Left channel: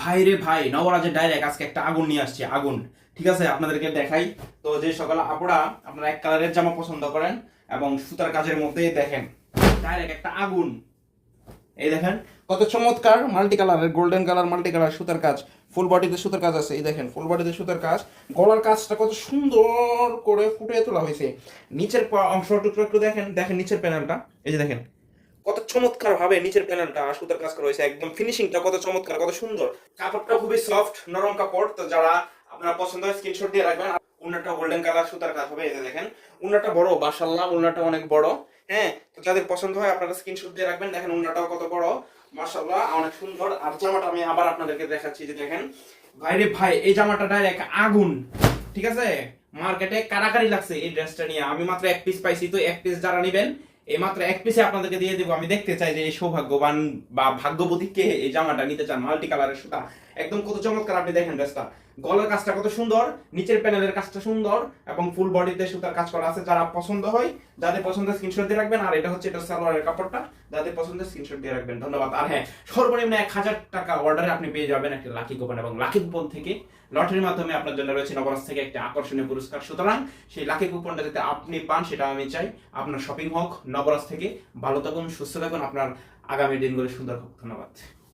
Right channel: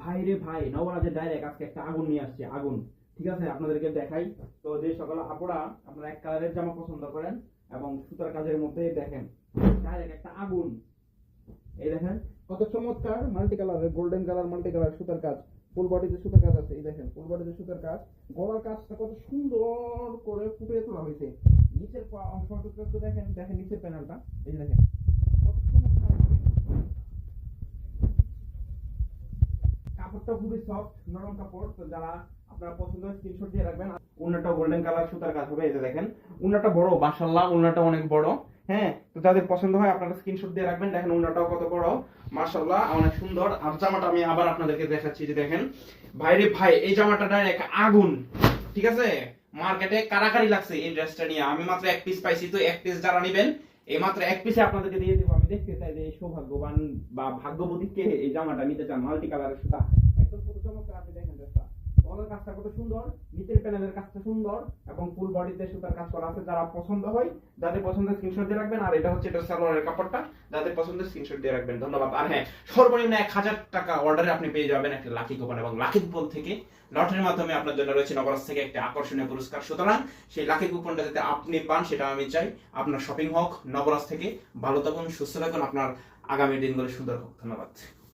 ভাই রে ভাই, নবরাজের ডাইরেক্ট আজকে একটা আগুন নিয়ে আসছে, আগুন। ঠিক আছে, আপনাদেরকে দেখাই। তো যে সকাল আপুরা আপনারা এক কালারের জামা পছন্দ করেন এবং সুতার কাজের মধ্যেই দেখেন ডাইরেক্ট একটা আগুন। এই দেখেন কত চমৎকার মাল্টি কালারের, গোল্ডেন কালার মাল্টি কালার সুতার কাজ, ফুল বডিতে সুতার কাজ আছে। এই দেখেন ফুল বডিতে সুতার কাজ, গলার কাজটা কত সুন্দর করে ফুটিয়ে তোলা হয়েছে। নিচের অংশটুকু একটু দেখেন, দেখেন নিচের প্যানেলটা, এই যে দেখেন কত চমৎকার ভাবে নিচের প্যানেলটা সুতার কাজ করা হয়েছে, একদম ফিনিশিংটা কত চমৎকার, কত সুন্দর। কাপড়টা খুবই সফট নরম কাপড়। তো যারা আপনারা পছন্দ হয় স্ক্রিনশট দিয়ে রাখবেন। উন্নাটা গোল্ডেন কালার সুতার কাজ হবে, এই যে দেখেন উন্নাটা বড়, মাশাআল্লাহ উন্নাটা অনেক বড়। হ্যাঁ, তো যাদের পছন্দ হয় আপনারা স্ক্রিনশট দিয়ে রাখবেন। দেখেন উন্নাটাও কত বড়, মাশাআল্লাহ অনেক সুন্দর। আর জামাটা আমি আবার আপনাদেরকে দেখাচ্ছি, যে দেখেন ভাই রে ভাই, এই জামাটা ডাইরেক্ট আগুন। ঠিক আছে, মার্কেটে কারাকারি লাগছে এই ড্রেসটা নিয়ে। আমি মাত্র এক পিস পাইছি, তো এক পিস যারা নেবেন এই মাত্র এক পিসে আপনাদেরকে দিয়ে দেবো। আমি দেখতে চাই যে এই সৌভাগ্যবান বা ভাগ্যবতী কে এই জামাটা নিতে চান। মাল্টি কালারের সুতা, একদম কত চমৎকার। আপনি দেখেন ড্রেসটা, গলার কাজটা কত সুন্দর, নিচের প্যানেলের কাজটা সুন্দর এবং ফুল বডিতে সুতার কাজ করা আছে। যারা পছন্দ হয়, যাদের পছন্দ স্ক্রিনশট দিয়ে রাখবেন। আর এটা হচ্ছে এটা সালোয়ারের কাপড়টা, যাদের পছন্দ স্ক্রিনশট দিয়ে রাখবেন। ধন্যবাদ। আর হ্যাঁ, সর্বনিম্ন 1000 টাকা অর্ডারে আপনি পেয়ে যাবেন একটা লাকি কুপন, এবং লাকি কুপন থেকে লটারির মাধ্যমে আপনার জন্য রয়েছে নবরাজ থেকে একটা আকর্ষণীয় পুরস্কার। সুতরাং সেই লাকি কুপনটা যাতে আপনি পান সেটা আমি চাই। আপনার শপিং হোক নবরাজ থেকে। ভালো থাকুন, সুস্থ থাকুন, আপনার আগামী দিনগুলো সুন্দর হোক। ধন্যবাদ।